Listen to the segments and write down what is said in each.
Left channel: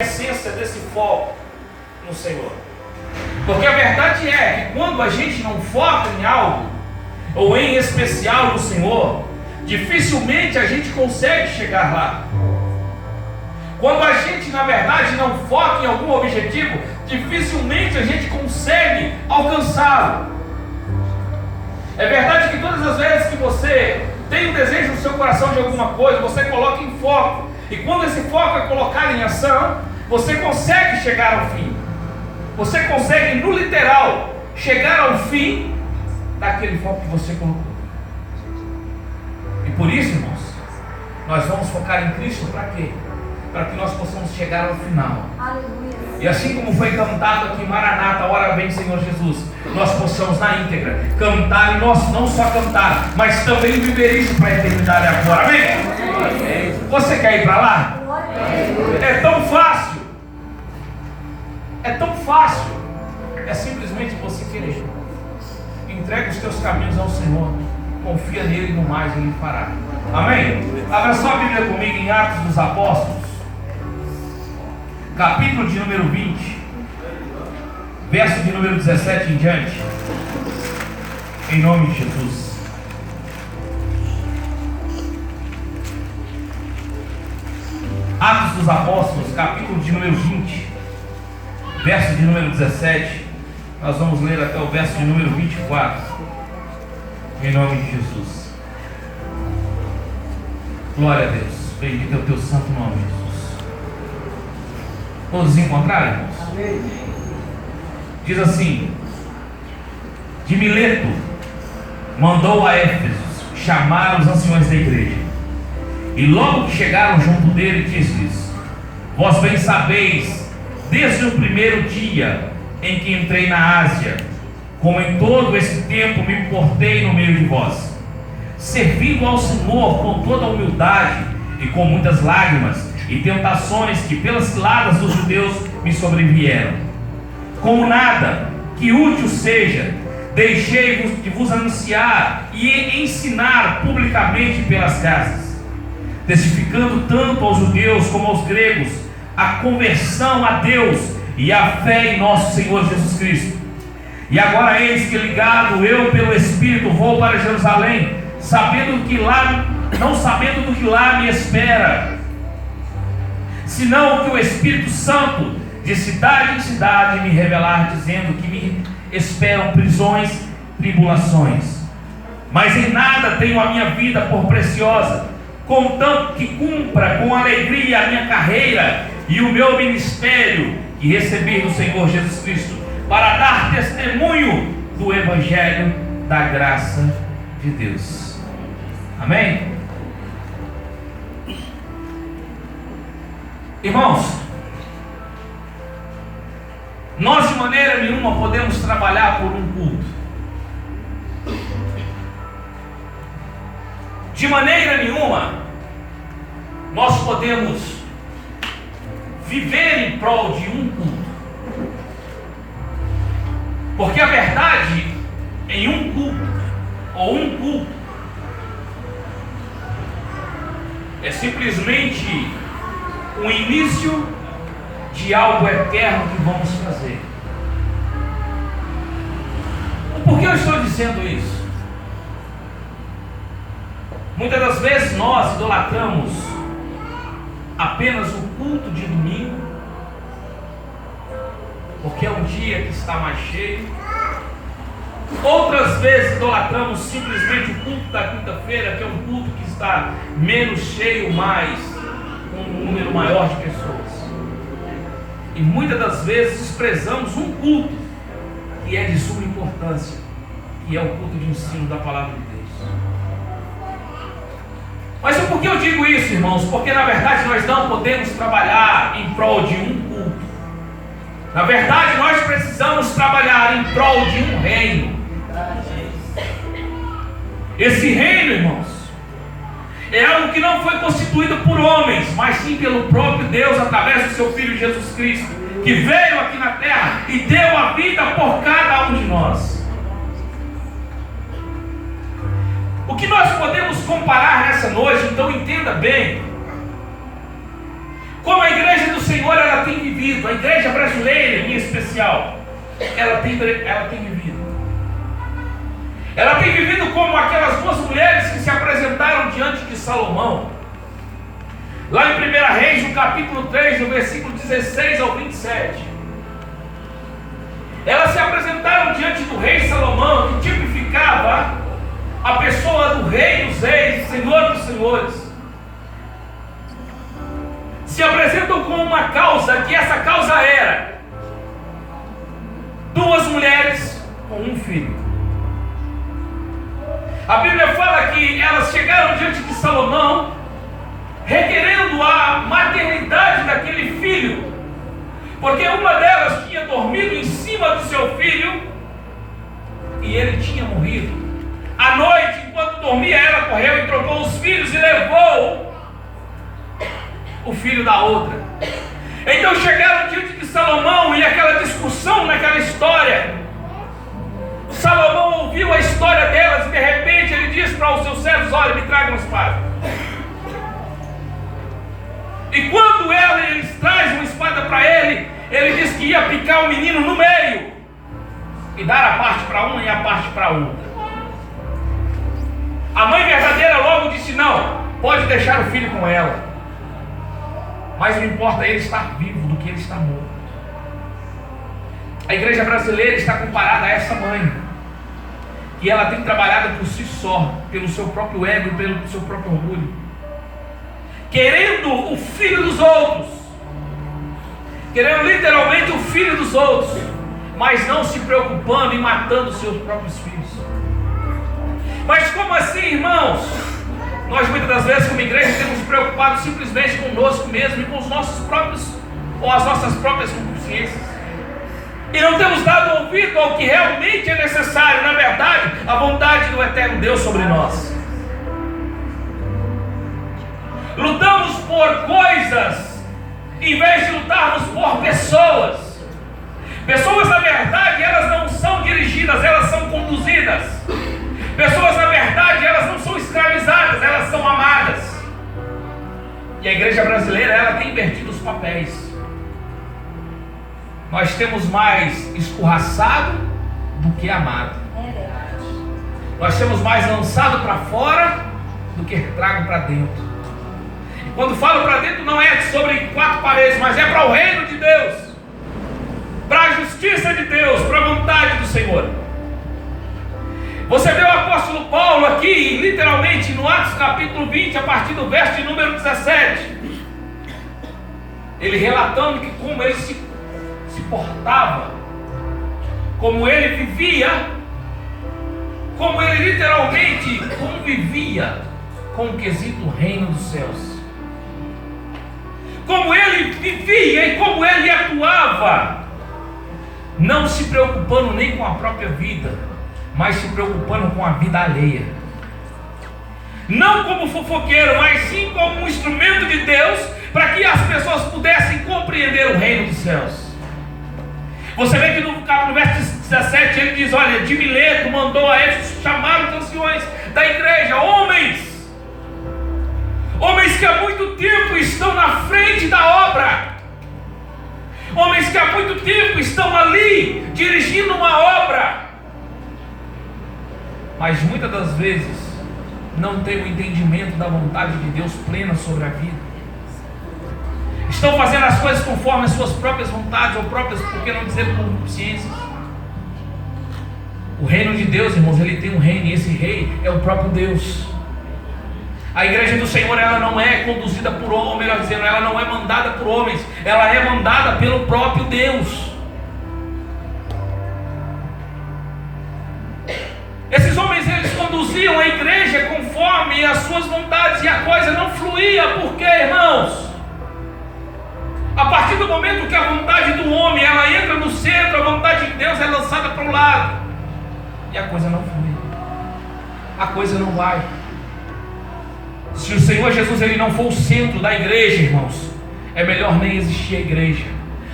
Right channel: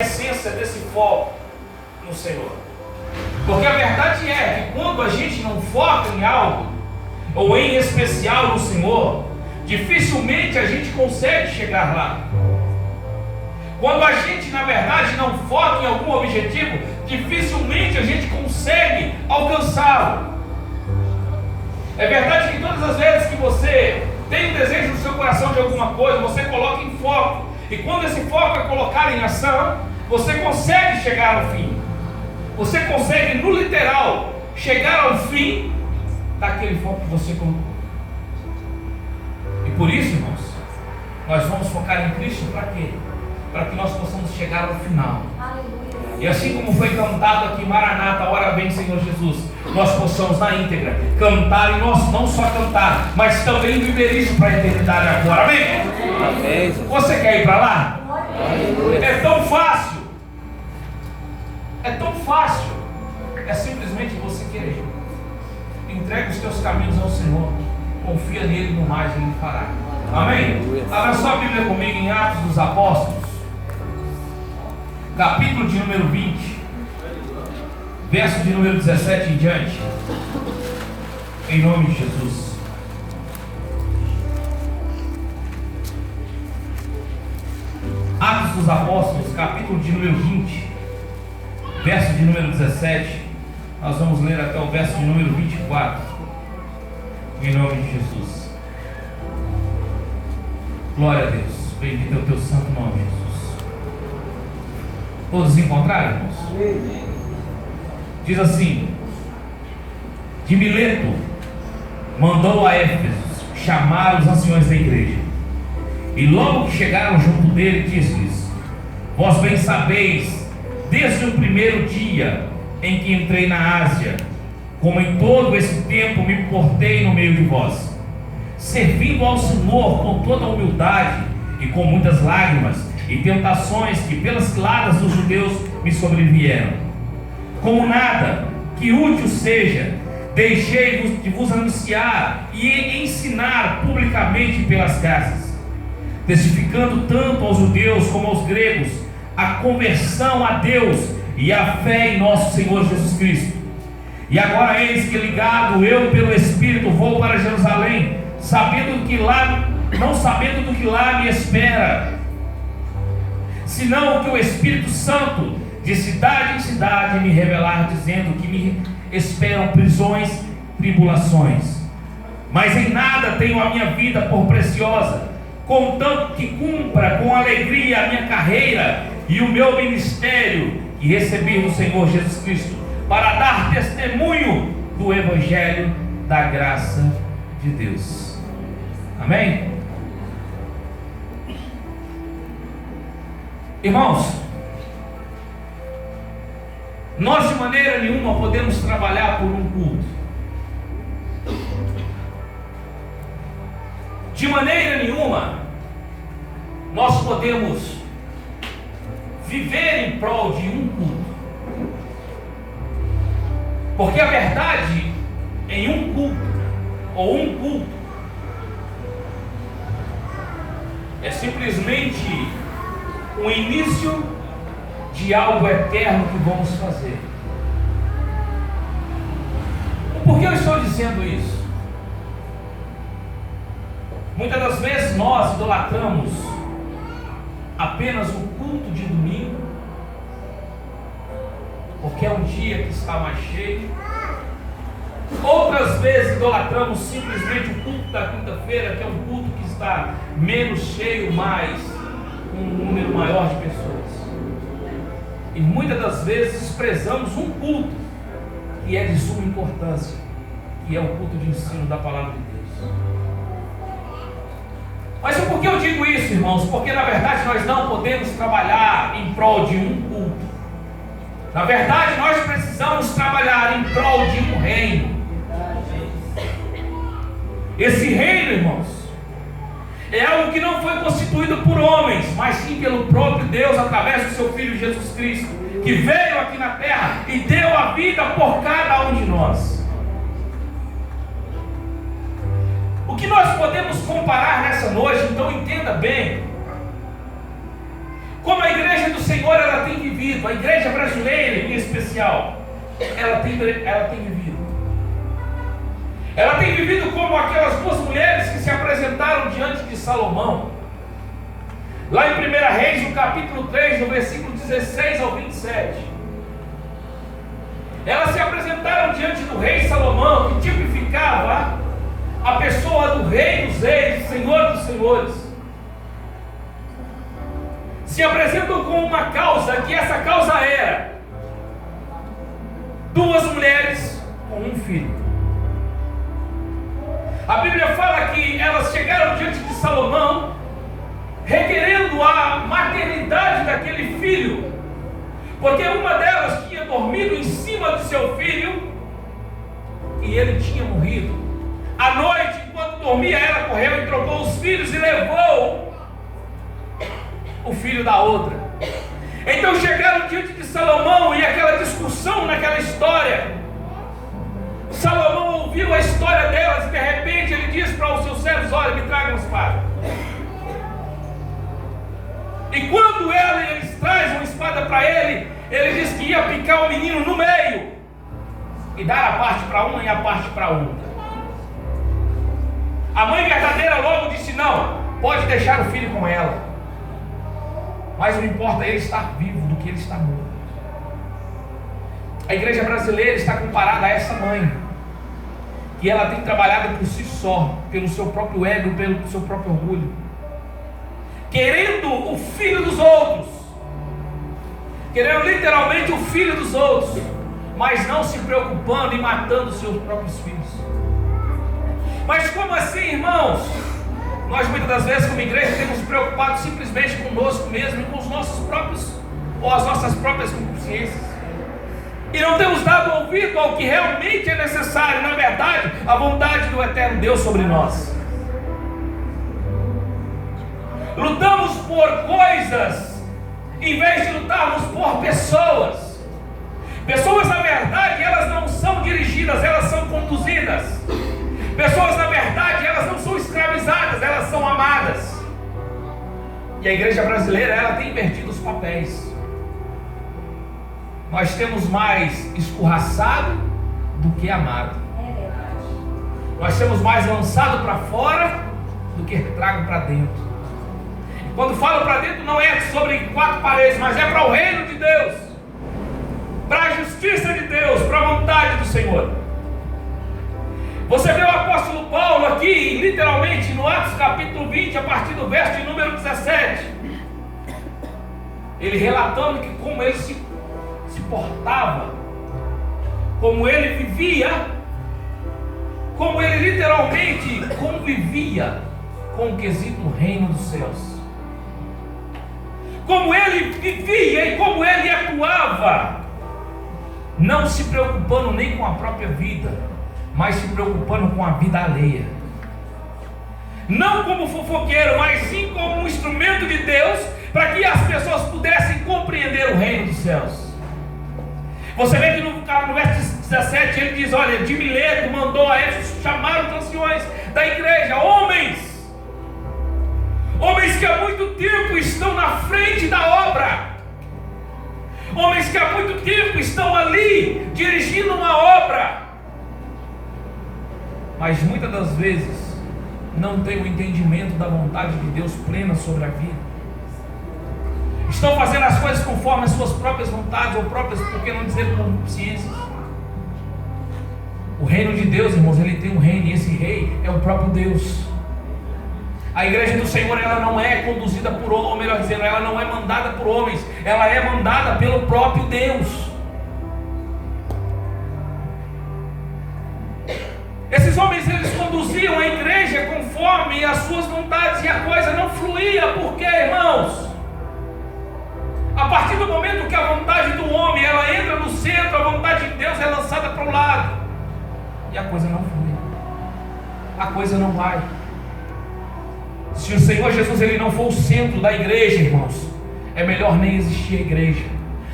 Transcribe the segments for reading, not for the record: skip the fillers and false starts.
a essência desse foco no Senhor. Porque a verdade é que quando a gente não foca em algo, ou em especial no Senhor, dificilmente a gente consegue chegar lá. Quando a gente, na verdade, não foca em algum objetivo, dificilmente a gente consegue alcançá-lo. É verdade que todas as vezes que você tem um desejo no seu coração de alguma coisa, você coloca em foco. E quando esse foco é colocado em ação, você consegue chegar ao fim. Você consegue, no literal, chegar ao fim daquele foco que você colocou. E por isso, irmãos, nós vamos focar em Cristo para quê? Para que nós possamos chegar ao final. E assim como foi cantado aqui, Maranata, ora vem Senhor Jesus, nós possamos na íntegra cantar, e nós não só cantar, mas também viver isso para a eternidade agora. Amém? Amém. Você quer ir para lá? Amém. É tão fácil. É tão fácil. É simplesmente você querer. Entregue os teus caminhos ao Senhor. Confia nele, no mais ele fará. Amém? Abra só a Bíblia comigo em Atos dos Apóstolos, capítulo de número 20, verso de número 17 em diante. Em nome de Jesus. Atos dos Apóstolos, capítulo de número 20, verso de número 17. Nós vamos ler até o verso de número 24. Em nome de Jesus. Glória a Deus. Bendito é o teu santo nome, Jesus. Todos encontraram, irmãos? Amém. Diz assim: de Mileto mandou a Éfeso chamar os anciões da igreja. E logo que chegaram junto dele, disse-lhes: vós bem sabeis, desde o primeiro dia em que entrei na Ásia, como em todo esse tempo me portei no meio de vós, servindo ao Senhor com toda a humildade e com muitas lágrimas e tentações que pelas ciladas dos judeus me sobrevieram. Como nada que útil seja, deixei de vos anunciar e ensinar publicamente pelas casas, testificando tanto aos judeus como aos gregos a conversão a Deus e a fé em nosso Senhor Jesus Cristo. E agora eis que, ligado eu pelo Espírito, vou para Jerusalém, não sabendo do que lá me espera, senão que o Espírito Santo de cidade em cidade me revelar, dizendo que me esperam prisões, tribulações. Mas em nada tenho a minha vida por preciosa, contanto que cumpra com alegria a minha carreira e o meu ministério que recebi do Senhor Jesus Cristo, para dar testemunho do Evangelho da graça de Deus. Amém? Irmãos, nós de maneira nenhuma podemos trabalhar por um culto. De maneira nenhuma nós podemos viver em prol de um culto. Porque a verdade em um culto, ou um culto, é simplesmente o início de algo eterno que vamos fazer. Por que eu estou dizendo isso? Muitas das vezes nós idolatramos apenas o culto de domingo, porque é um dia que está mais cheio. Outras vezes idolatramos simplesmente o culto da quinta-feira, que é um culto que está menos cheio, mas com um número maior de pessoas. E muitas das vezes desprezamos um culto que é de suma importância, que é o culto de ensino da palavra de Deus. Mas por que eu digo isso, irmãos? Porque na verdade nós não podemos trabalhar em prol de um culto. Na verdade nós precisamos trabalhar em prol de um reino. Esse reino, irmãos, é algo que não foi constituído por homens, mas sim pelo próprio Deus, através do seu Filho Jesus Cristo, que veio aqui na terra e deu a vida por cada um de nós. O que nós podemos comparar nessa noite, então entenda bem, como a igreja do Senhor ela tem vivido, a igreja brasileira em especial, ela tem vivido. Ela tem vivido como aquelas duas mulheres que se apresentaram diante de Salomão. Lá em 1 Reis, no capítulo 3, no versículo 16 ao 27. Elas se apresentaram diante do rei Salomão, que tipificava a pessoa do rei dos reis, Senhor dos senhores. Se apresentam com uma causa, que essa causa era duas mulheres com um filho. A Bíblia fala que elas chegaram diante de Salomão, requerendo a maternidade daquele filho, porque uma delas tinha dormido em cima do seu filho e ele tinha morrido. À noite, enquanto dormia, ela correu e trocou os filhos e levou o filho da outra. Então chegaram diante de Salomão e aquela discussão naquela história. Salomão ouviu a história delas e de repente ele diz para os seus servos: olha, me tragam uma espada. E quando eles trazem uma espada para ele, ele diz que ia picar o menino no meio e dar a parte para uma e a parte para outra. A mãe verdadeira logo disse: não, pode deixar o filho com ela, mas não importa ele estar vivo do que ele está morto. A igreja brasileira está comparada a essa mãe, que ela tem trabalhado por si só, pelo seu próprio ego, pelo seu próprio orgulho, querendo o filho dos outros, querendo literalmente o filho dos outros, mas não se preocupando em matando seus próprios filhos. Mas como assim, irmãos? Nós muitas das vezes como igreja temos preocupado simplesmente conosco mesmo e com os nossos próprios, ou as nossas próprias consciências, e não temos dado ouvido ao que realmente é necessário, na verdade, a vontade do eterno Deus sobre nós. Lutamos por coisas em vez de lutarmos por pessoas. Pessoas, na verdade, elas não são dirigidas, elas são conduzidas. Pessoas, na verdade, elas não são escravizadas, elas são amadas. E a igreja brasileira, ela tem invertido os papéis. Nós temos mais escorraçado do que amado. Nós temos mais lançado para fora do que trago para dentro. E quando falo para dentro, não é sobre quatro paredes, mas é para o reino de Deus, para a justiça de Deus, para a vontade do Senhor. Você vê o apóstolo Paulo aqui, literalmente no Atos capítulo 20, a partir do verso de número 17, ele relatando que como ele se portava, como ele vivia, como ele literalmente convivia com o quesito reino dos céus, como ele vivia e como ele atuava, não se preocupando nem com a própria vida, mas se preocupando com a vida alheia, não como fofoqueiro, mas sim como um instrumento de Deus, para que as pessoas pudessem compreender o reino dos céus. Você vê que no verso 17 ele diz: olha, de Mileto mandou a Éfeso chamar os anciões da igreja, homens que há muito tempo estão na frente da obra, homens que há muito tempo estão ali dirigindo uma obra, mas muitas das vezes não têm o entendimento da vontade de Deus plena sobre a vida. Estão fazendo as coisas conforme as suas próprias vontades, ou próprias, por que não dizer, consciências. O reino de Deus, irmãos, ele tem um reino, e esse rei é o próprio Deus. A igreja do Senhor, ela não é conduzida por homens, ou melhor dizendo, ela não é mandada por homens, ela é mandada pelo próprio Deus. Esses homens, eles conduziam a igreja conforme as suas vontades, e a coisa não fluía. Por quê, irmãos? A partir do momento que a vontade do homem ela entra no centro, a vontade de Deus é lançada para o lado, e a coisa não flui, a coisa não vai. Se o Senhor Jesus ele não for o centro da igreja, irmãos, é melhor nem existir a igreja.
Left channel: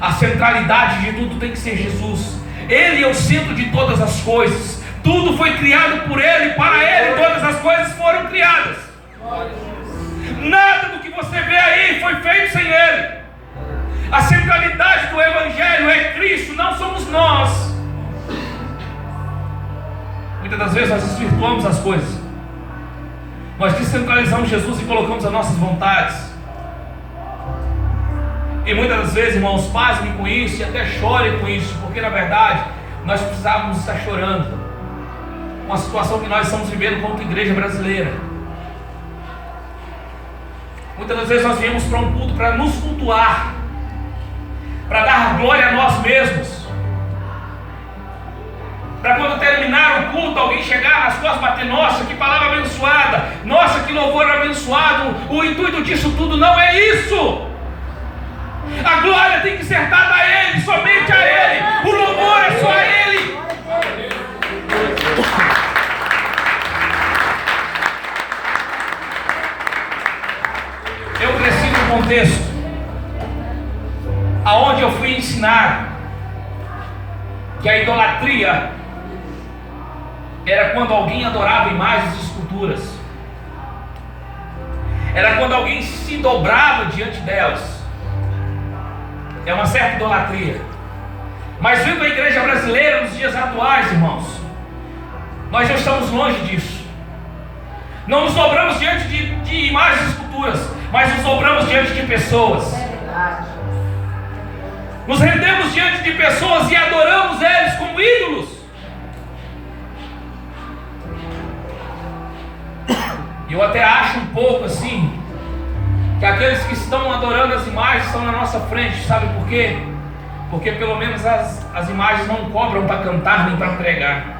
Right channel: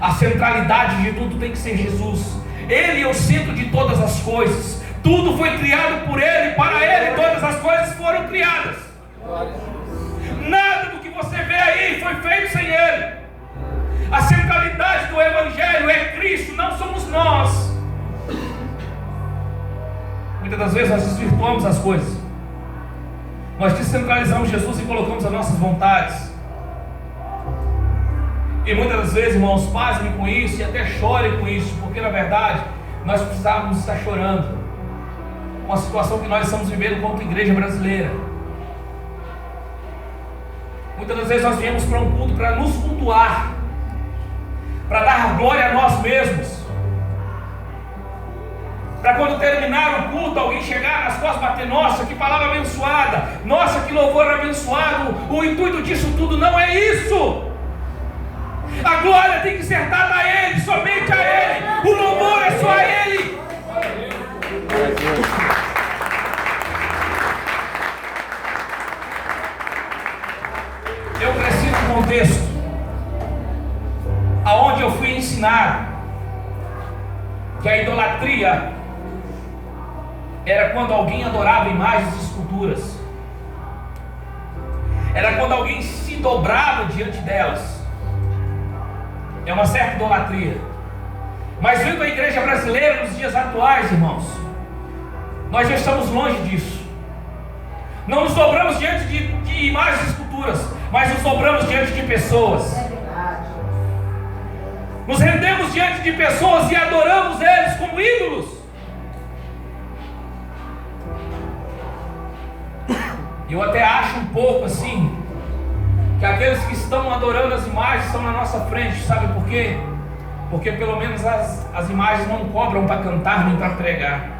A centralidade de tudo tem que ser Jesus. Ele é o centro de todas as coisas. Tudo foi criado por Ele, para Ele todas as coisas foram criadas. Nada do que você vê aí foi feito sem Ele. A centralidade do Evangelho é Cristo, não somos nós. Muitas das vezes nós desvirtuamos as coisas. Nós descentralizamos Jesus e colocamos as nossas vontades. E muitas das vezes, irmãos, pasmem com isso e até chorem com isso, porque na verdade nós precisávamos estar chorando com a situação que nós estamos vivendo como igreja brasileira. Muitas das vezes nós viemos para um culto para nos cultuar, para dar glória a nós mesmos, para quando terminar o culto alguém chegar nas costas e bater: nossa, que palavra abençoada, nossa, que louvor abençoado. O intuito disso tudo não é isso. A glória tem que ser dada a Ele, somente a Ele. O louvor é só a Ele. Eu cresci num contexto aonde eu fui ensinado que a idolatria era quando alguém adorava imagens e esculturas, era quando alguém se dobrava diante delas. É uma certa idolatria. Mas vindo a igreja brasileira nos dias atuais, irmãos, nós já estamos longe disso. Não nos dobramos diante de imagens e esculturas, mas nos dobramos diante de pessoas. Nos rendemos diante de pessoas e adoramos eles como ídolos. Eu até acho um pouco assim, que aqueles que estão adorando as imagens estão na nossa frente. Sabe por quê? Porque pelo menos as imagens não cobram para cantar nem para pregar.